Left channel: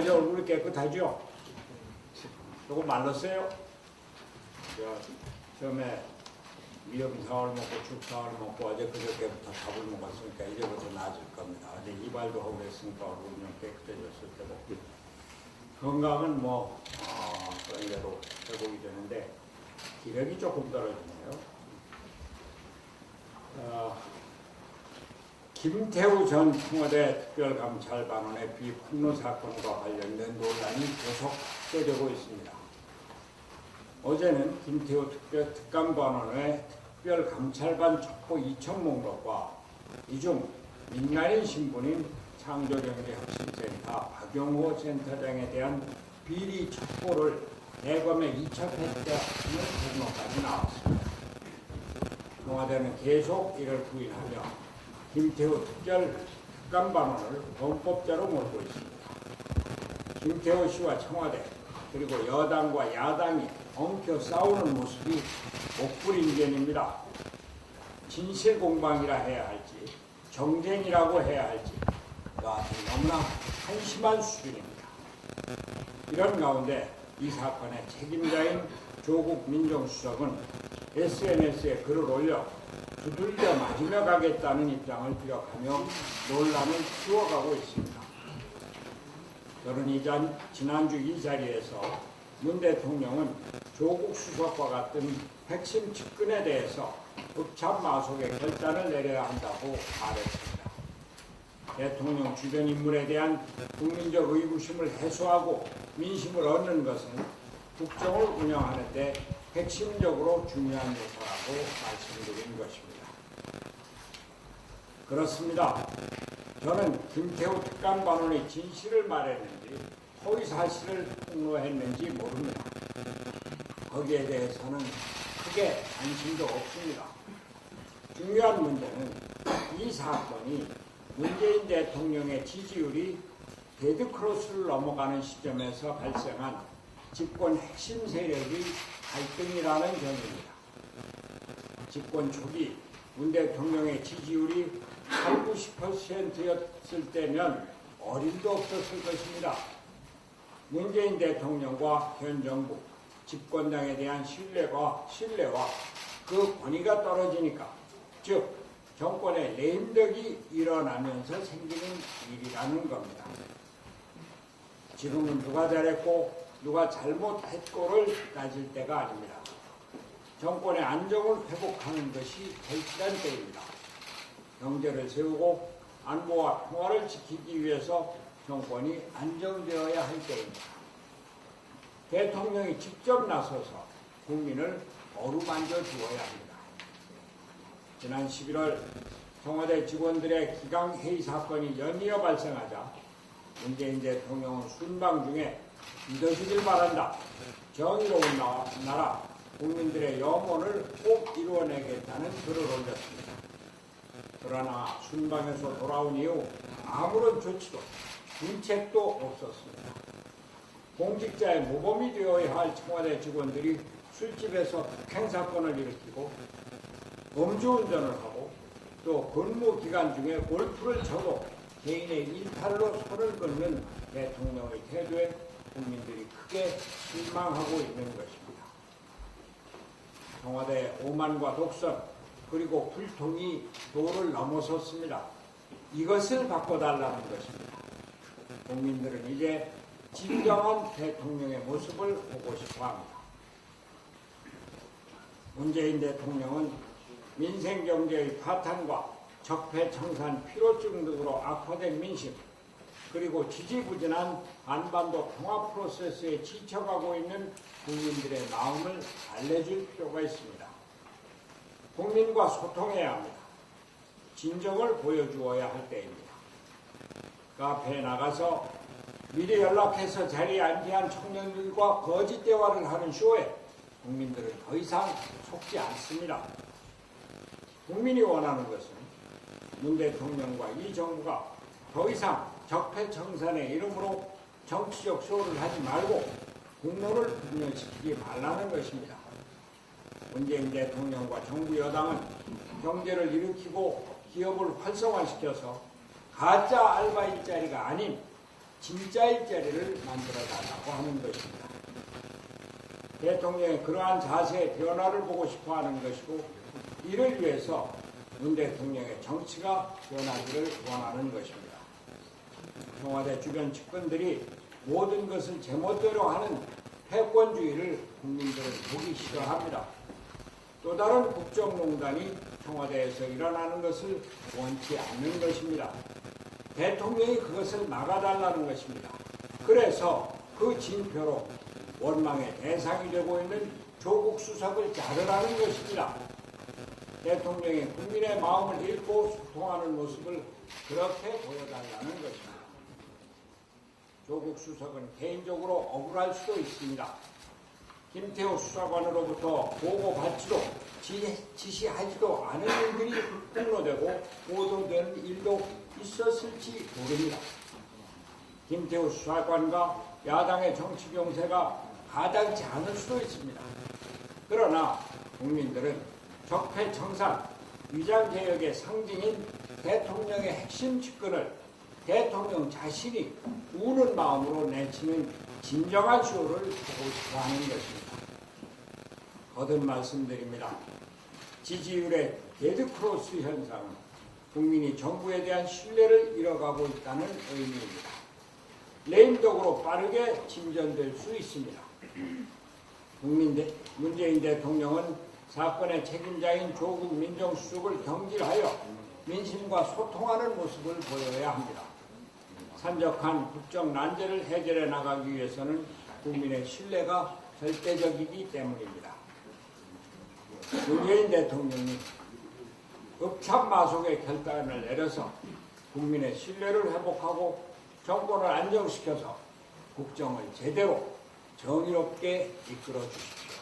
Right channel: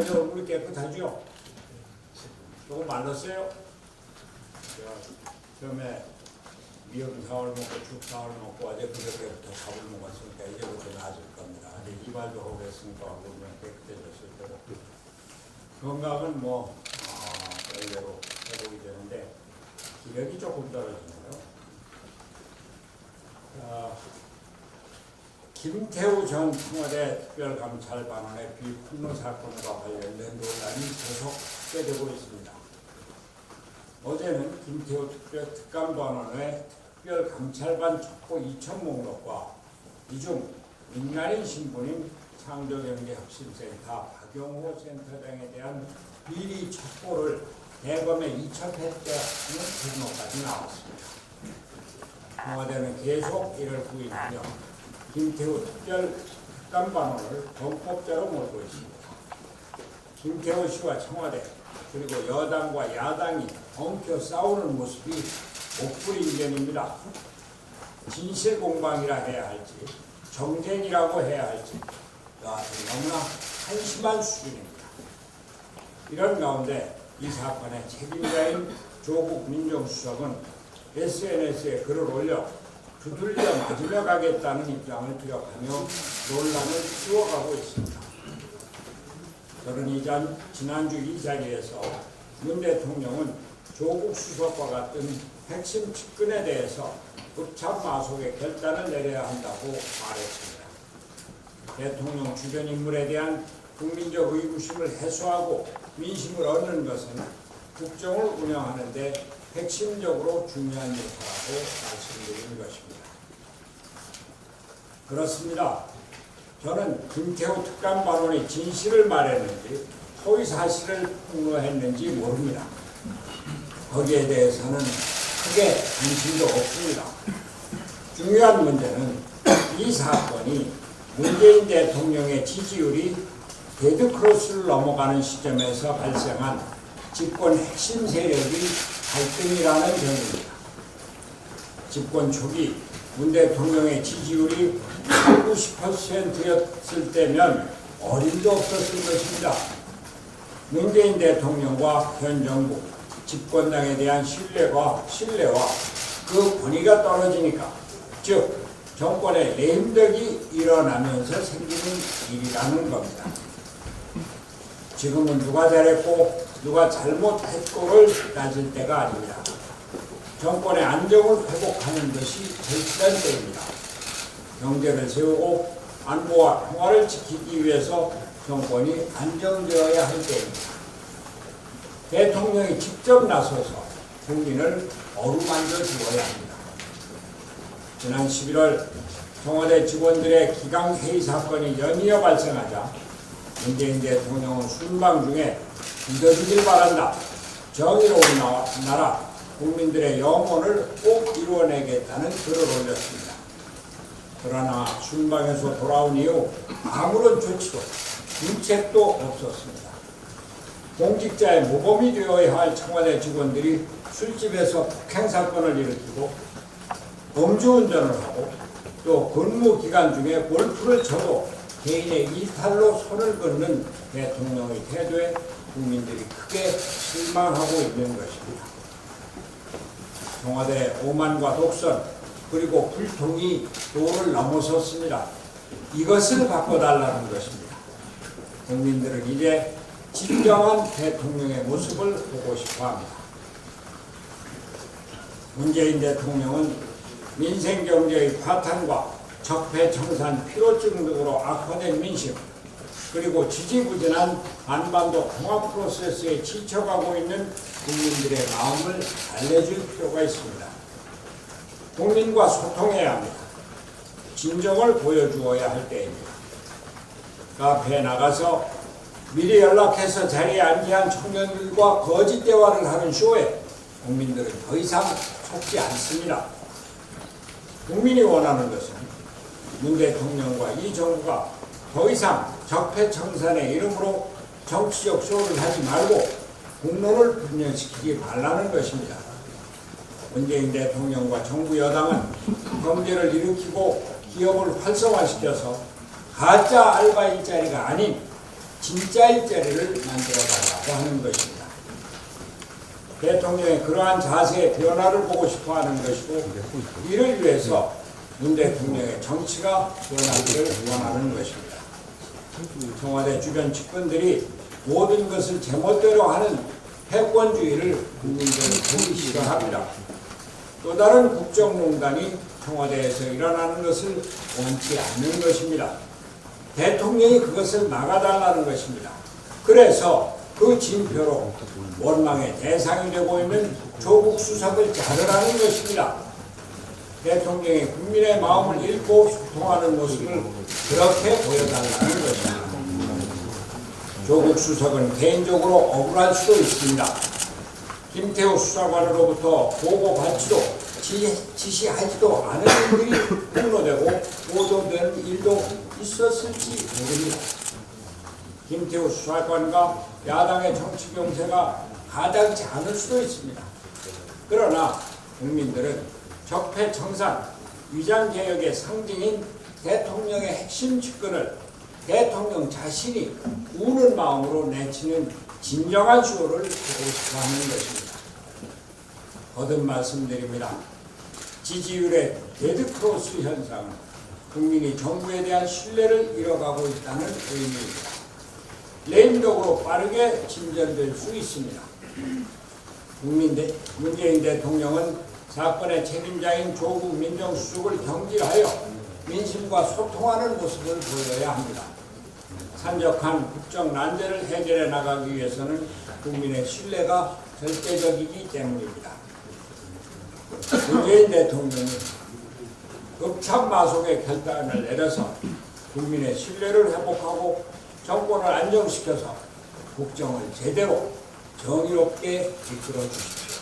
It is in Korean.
이제 얼굴이 깨끗하죠? 조금 말랐어요? 처음에 미역사월 먹고 죽사월 먹고 어제 그저께부터 밥을 먹었으니까 이제부터 나아질 겁니다. 근데 이발도 하고 그랬으니까 얼굴은 깨끗해졌을 테고 건강은 그대로 회복이 되는데 기력이 조금 떨어지네요. 김태우 전 청와대 특별감찰반원의 비폭로 사건과 관련된 논란이 계속되고 있습니다. 어제는 김태우 특감반원의 특별감찰반 첩보 2천 목록과 이중 민간인 신분인 창조경제혁신센터 박용호 센터장에 대한 비리 첩보를 대검에 이첩했다는 보도까지 나왔습니다. 청와대는 계속 이를 부인하며 김태우 특감반원을 범법자로 몰고 있습니다. 김태우 씨와 청와대 그리고 여당과 야당이 엉켜 싸우는 모습이 옥불인견입니다. 진실공방이라 해야 할지 정쟁이라고 해야 할지 여하튼 너무나 한심한 수준입니다. 이런 가운데 이 사건의 책임자인 조국 민정수석은 SNS에 글을 올려 두들겨 맞으며 가겠다는 입장을 피력하며 논란을 키워가고 있습니다. 저는 지난주 이 자리에서 문 대통령은 조국 수석과 같은 핵심 측근에 대해서 읍참마속의 결단을 내려야 한다고 말했습니다. 대통령 주변 인물에 대한 국민적 의구심을 해소하고 민심을 얻는 것은 국정을 운영하는 데 핵심적으로 중요한 요소라고 말씀드린 것입니다. 그렇습니다. 저는 김태우 특감반원이 진실을 말했는지 허위 사실을 폭로했는지 모릅니다. 거기에 대해서는 크게 관심도 없습니다. 중요한 문제는 이 사건이 문재인 대통령의 지지율이 데드크로스를 넘어가는 시점에서 발생한 집권 핵심 세력의 갈등이라는 점입니다. 집권 초기 문 대통령의 지지율이 80~90%였을 때면 어림도 없었을 것입니다. 문재인 대통령과 현 정부, 집권당에 대한 신뢰와 그 권위가 떨어지니까, 즉 정권의 레임덕이 일어나면서 생기는 일이라는 겁니다. 지금은 누가 잘했고 누가 잘못했고를 따질 때가 아닙니다. 정권의 안정을 회복하는 것이 절실한 때입니다. 경제를 세우고 안보와 평화를 지키기 위해서 정권이 안정되어야 할 때입니다. 대통령이 직접 나서서 국민을 어루만져 주어야 합니다. 지난 11월 청와대 직원들의 기강회의 사건이 연이어 발생하자 문재인 대통령은 순방 중에 믿어주길 바란다. 정의로운 나라, 국민들의 영혼을 꼭 이루어내겠다는 글을 올렸습니다. 그러나 순방에서 돌아온 이후 아무런 조치도 정책도 없었습니다. 공직자의 모범이 되어야 할 청와대 직원들이 술집에서 폭행 사건을 일으키고 음주운전을 하고 또 근무 기간 중에 골프를 쳐도 개인의 일탈로 손을 긋는 대통령의 태도에 국민들이 크게 실망하고 있는 것입니다. 청와대 오만과 독선 그리고 불통이 도를 넘어섰습니다. 이것을 바꿔달라는 것입니다. 국민들은 이제 진정한 대통령의 모습을 보고 싶어합니다. 문재인 대통령은 민생경제의 파탄과 적폐청산 피로증 등으로 악화된 민심 그리고 지지부진한 한반도 통합 프로세스에 지쳐가고 있는 국민들의 마음을 달래줄 필요가 있습니다. 국민과 소통해야 합니다. 진정을 보여주어야 할 때입니다. 카페에 나가서 미리 연락해서 자리에 안기한 청년들과 거짓 대화를 하는 쇼에 국민들은 더 이상 속지 않습니다. 국민이 원하는 것은 문 대통령과 이 정부가 더 이상 적폐청산의 이름으로 정치적 쇼를 하지 말고 국론을 분열시키기 말라는 것입니다. 문재인 대통령과 정부 여당은 경제를 일으키고 기업을 활성화시켜서 가짜 알바 일자리가 아닌 진짜 일자리를 만들어 달라고 하는 것입니다. 대통령의 그러한 자세의 변화를 보고 싶어 하는 것이고, 이를 위해서 문 대통령의 정치가 변하기를 원하는 것입니다. 청와대 주변 측근들이 모든 것을 제멋대로 하는 패권주의를 국민들은 보기 싫어합니다. 또 다른 국정농단이 청와대에서 일어나는 것을 원치 않는 것입니다. 대통령이 그것을 막아달라는 것입니다. 그래서 그 징표로 원망의 대상이 되고 있는 조국 수석을 자르라는 것입니다. 대통령이 국민의 마음을 읽고 소통하는 모습을 그렇게 보여달라는 것입니다. 조국 수석은 개인적으로 억울할 수도 있습니다. 김태우 수사관으로부터 보고받지도 지시하지도 않은 일들이 폭로되고 보도되는 일도 있었을지 모릅니다. 김태우 수사관과 야당의 정치 경세가 가당치 않을 수도 있습니다. 그러나 국민들은 적폐청산, 위장개혁의 상징인 대통령의 핵심 측근을 대통령 자신이 우는 마음으로 내치는 진정한 쇼를 보고 싶어하는 것입니다. 거듭 말씀드립니다. 지지율의 데드크로스 현상은 국민이 정부에 대한 신뢰를 잃어가고 있다는 의미입니다. 레임덕으로 빠르게 진전될 수 있습니다. 문재인 대통령은 사건의 책임자인 조국 민정수석을 경질하여 민심과 소통하는 모습을 보여야 합니다. 산적한 국정 난제를 해결해 나가기 위해서는 국민의 신뢰가 절대적이기 때문입니다. 문재인 대통령이 급참마속의 결단을 내려서 국민의 신뢰를 회복하고 정권을 안정시켜서 국정을 제대로 정의롭게 이끌어 주십시오.